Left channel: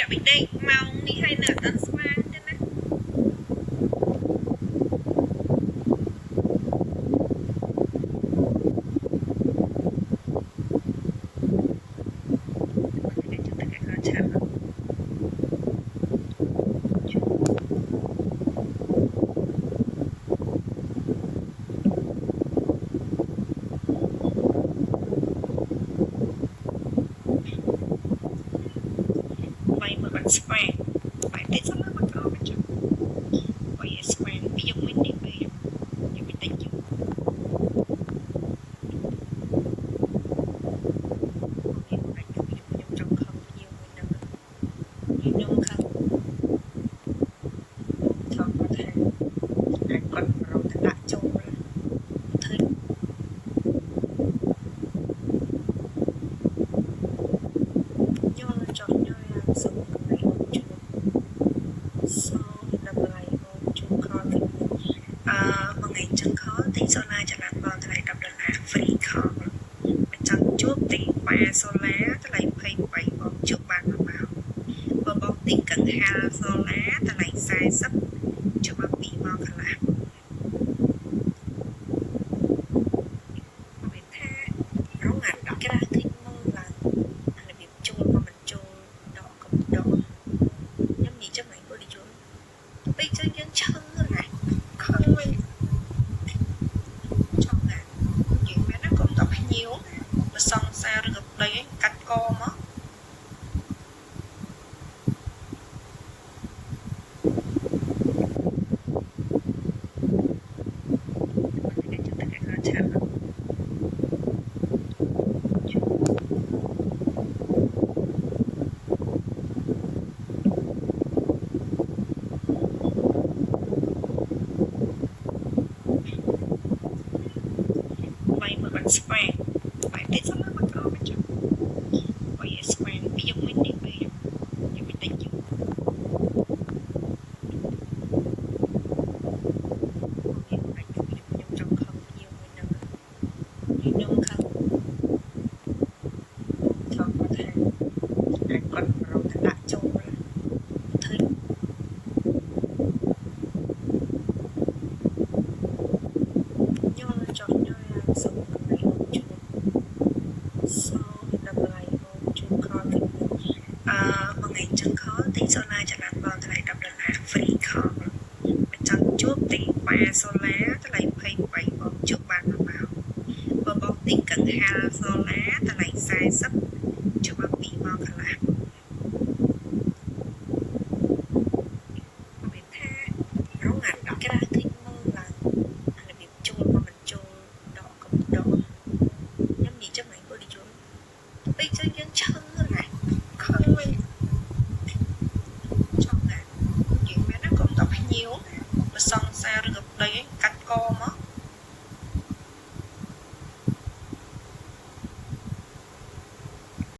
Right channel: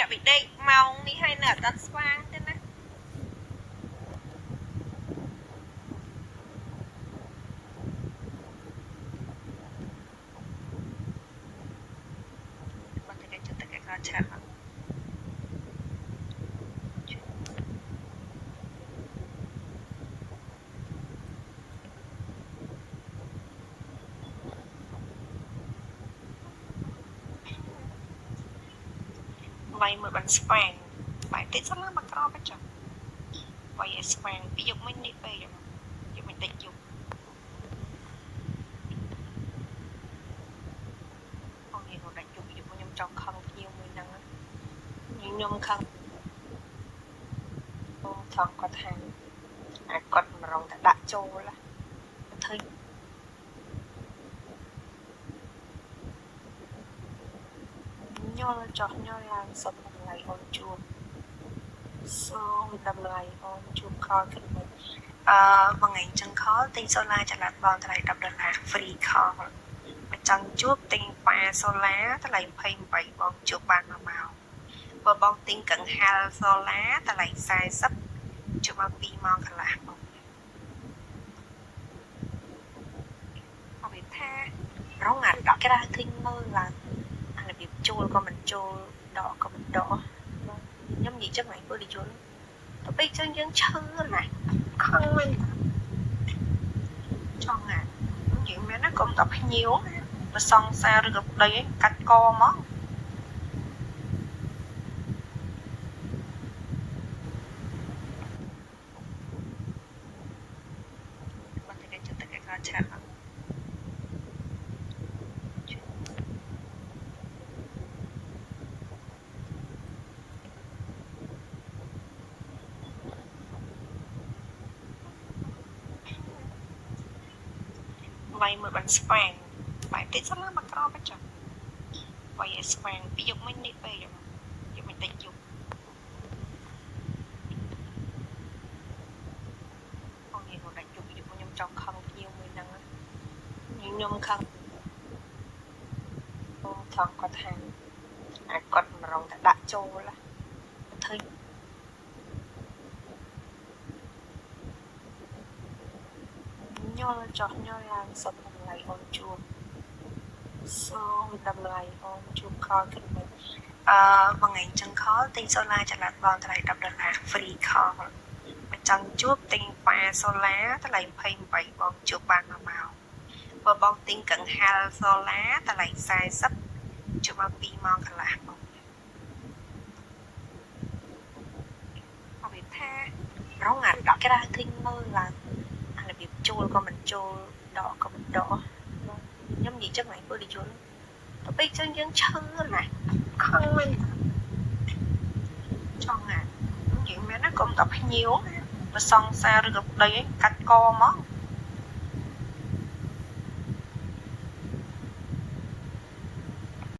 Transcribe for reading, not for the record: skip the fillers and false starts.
អ្នកbị đេកម៉ោងនេះហើយនៅអត់ស្វាងទេណាមកតែជិះតែកឆាប់វាយមើលបានស្វាងបែរតិចសិនមកក្រកញ្ចក់វាយឲ្យស្វាងពីយកមិននេះពេកយកមិនតិចយកអូខេមកដាច់យកខ្ញុំចង់ខឹងភ្ញៀវមួយហ្នឹងខ្ញុំខឹងថងគាត់ថាអាចគាត់មករងតែដាក់ចូលធ្វើញល់ចោះញល់ឡើងសុំតម្លៃអូនជួបសូមតម្លៃអូនជួបខលទៅមួយថ្ងៃចឹងខលទិញសូឡាចល័តបងថ្លៃ$10 free call បើចង់ជួបទិញប៉ាសូឡាថ្លៃ28បងជួបបាន1ម៉ោងបើបងទិញកង្ហារសូឡាថ្លៃ40ជួបបាន2ម៉ោងកន្លះមកវិញថារងអាដកក្រាទិញមើលឡើងអារបៀបចូលក៏មិនចូលដកក៏មិនដកខ្ញុំនិយាយចឹងហ្នឹងពលិជនទៅពេលចឹងយើងឈឺណាខឹងវិញចង់ណានិយាយមែនណាកុំតភ្ញៀវបើសង្សារឬក៏ប្តីឯងកាច់កមកមកតែជិះតែកឆាប់វាយមើលបានស្វាងបែរតិចសិនមកក្រកញ្ចក់វាយឲ្យស្វាងពីយកមិននេះពេកយកមិនតិចយកអូខេមកដាច់យកខ្ញុំចង់ខឹងភ្ញៀវមួយហ្នឹងខ្ញុំខឹងថងគាត់ថាអាចគាត់មករងតែដាក់ចូលធ្វើញល់ចោះញល់ឡើងសុំតម្លៃអូនជួបសូមតម្លៃអូនជួបខលទៅមួយថ្ងៃចឹងខលទិញសូឡាចល័តបងថ្លៃ$10 free call បើចង់ជួបទិញប៉ាសូឡាថ្លៃ28បងជួបបាន1ម៉ោងបើបងទិញកង្ហារសូឡាថ្លៃ40ជួបបាន2ម៉ោងកន្លះមកវិញថារងអាដកក្រាទិញមើលឡើងអារបៀបចូលក៏មិនចូលដកក៏មិនដកខ្ញុំនិយាយចឹងហ្នឹងពលិជនទៅពេលចឹងយើងឈឺណាខឹងវិញចង់ណានិយាយមែនណាកុំតភ្ញៀវបើសង្សារឬក៏ប្តីឯងកាច់កមក